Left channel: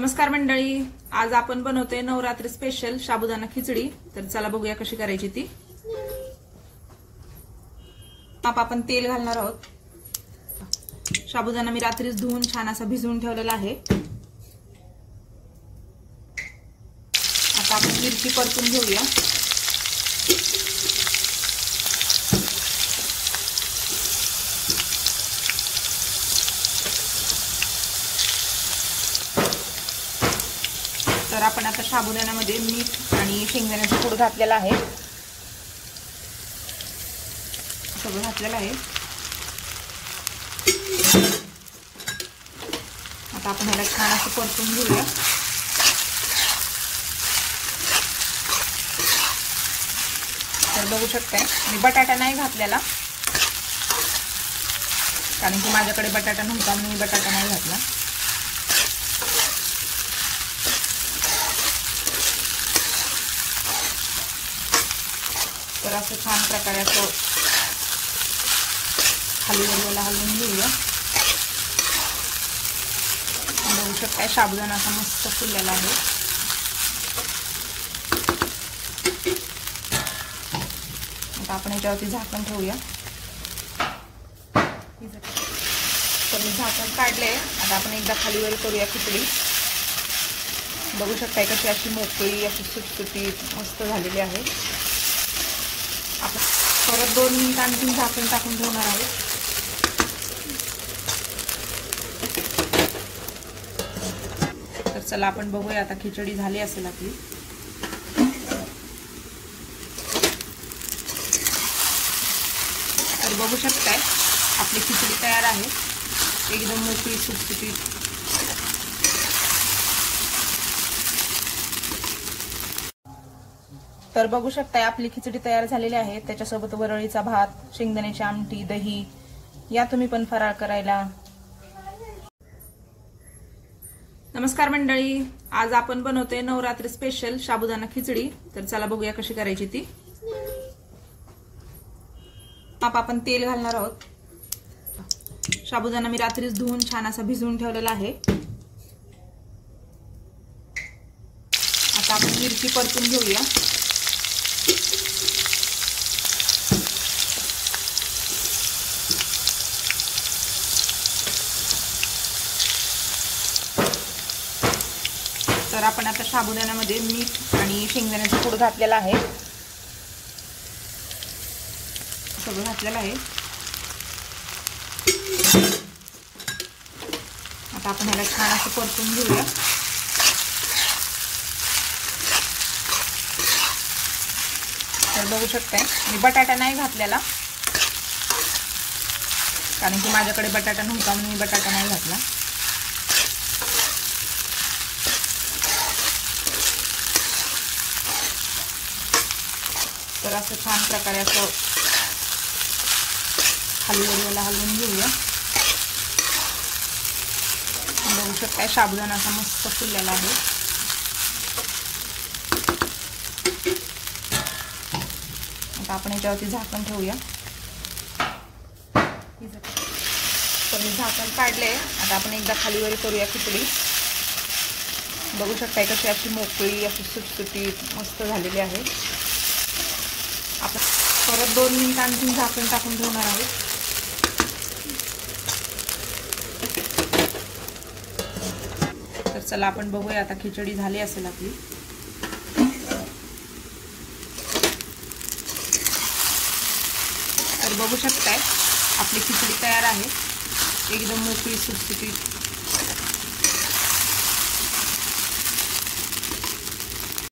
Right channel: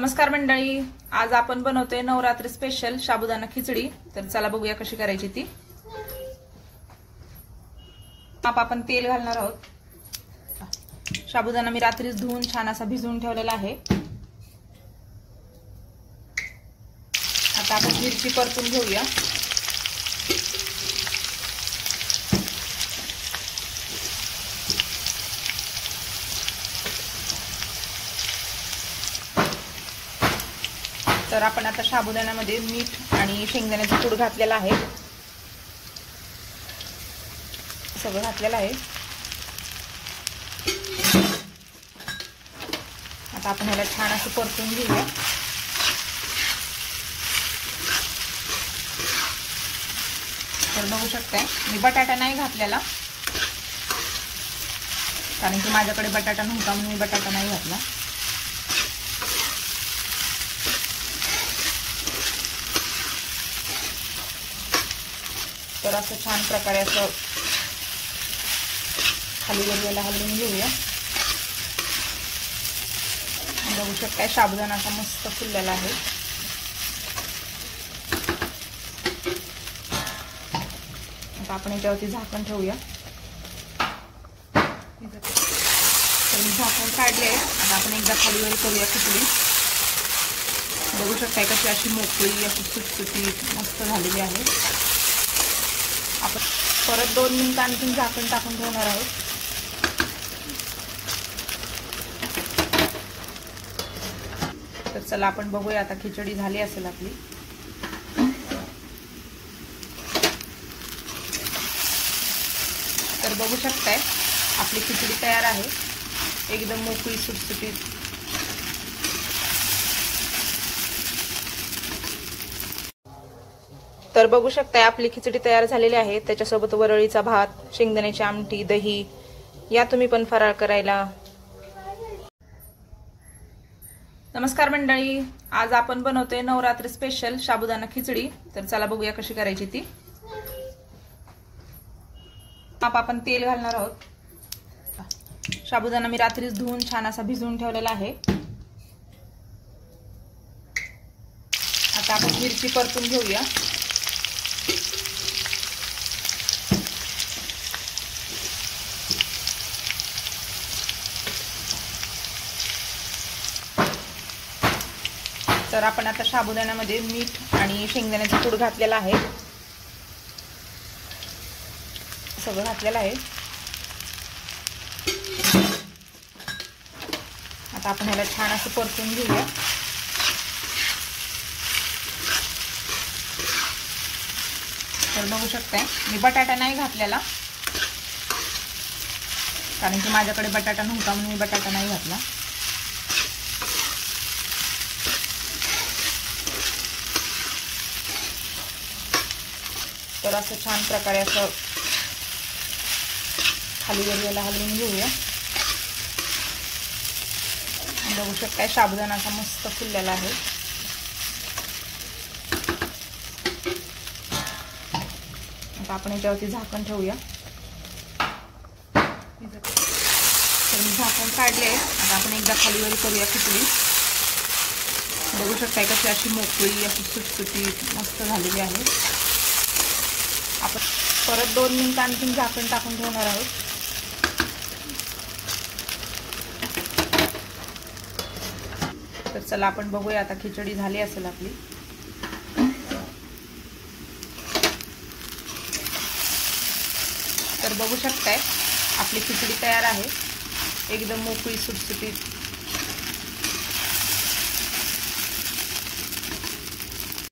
नमस्कार मंडळी, आज आपण बनवतोय नवरात्री स्पेशल साबुदाणा खिचडी। तर चला बघूया कशी करायची ती। आपण तेल घालणार आहोत। साबुदाणा मी रात्रीच धुवून छान असा भिजवून ठेवलेला आहे। आता आपण मिरची परतून घेऊया। तर आपण आता साबुदाण्यामध्ये मीठ आणि शेंगदाण्याची पूड घातलेला आहे, सगळं घातलेलं आहे। आता आपण ह्याला छान असं परतून घेऊया। तर बघू शकताय मी बटाटा नाही घातलेला, कारण की माझ्याकडे बटाटा नव्हता म्हणून मी बटाटा नाही घातला। तर असं छान प्रकारे असं खाली वरला हलवून घेऊया। बघू शकताय साबुदाणा असा मस्त फुललेला आहे। आता आपण याच्यावरती झाकण ठेवूया। तर मी झाकण काढले। आता आपण एकदा खाली वर करूया खिचडी। बघू शकताय कशी अशी मोकळी अशी सुटसुटीत मस्त झालेली आहे। आपण परत 2 मिनिट आणखी झाकण टाकून ठेवणार आहोत। तर चला आपण बघूया आता खिचडी झाली असेल आपली। तर बघू शकताय आपली खिचडी तयार आहे, एकदम मोकळी सुटसुटीत। तर बघू शकताय आपली खिचडी तयार झालेली आहे। त्याच्यासोबत वरळीचा भात, शेंगदाण्याची आमटी, दही, या तुम्ही पण फराळ करायला। नमस्कार मंडळी, आज आपण बनवतोय नवरात्री स्पेशल साबुदाणा खिचडी। तर चला बघूया कशी करायची ती। आपण तेल घालणार आहोत। साबुदाणा मी रात्रीच धुवून छान असा भिजवून ठेवलेला आहे। आता आपण मिरची परतून घेऊया। तर आपण आता साबुदाण्यामध्ये मीठ आणि शेंगदाण्याची पूड घातलेला आहे, सगळं घातलेलं आहे। आता आपण ह्याला छान असं परतून घेऊया। तर बघू शकताय मी बटाटा नाही घातलेला, कारण की माझ्याकडे बटाटा नव्हता म्हणून मी बटाटा नाही घातला। तर असं छान प्रकारे असं खाली वरला हलवून घेऊया। बघू शकताय साबुदाणा असा मस्त फुललेला आहे। आता आपण याच्यावरती झाकण ठेवूया। तर मी झाकण काढले। आता आपण एकदा खाली वर करूया खिचडी। बघू शकताय कशी अशी मोकळी अशी सुटसुटीत मस्त झालेली आहे। आपण परत 2 मिनिट आणखी झाकण टाकून ठेवणार आहोत। तर चला आपण बघूया आता खिचडी झाली असेल आपली। तर बघू शकताय आपली खिचडी तयार आहे, एकदम मोकळी सुटसुटीत।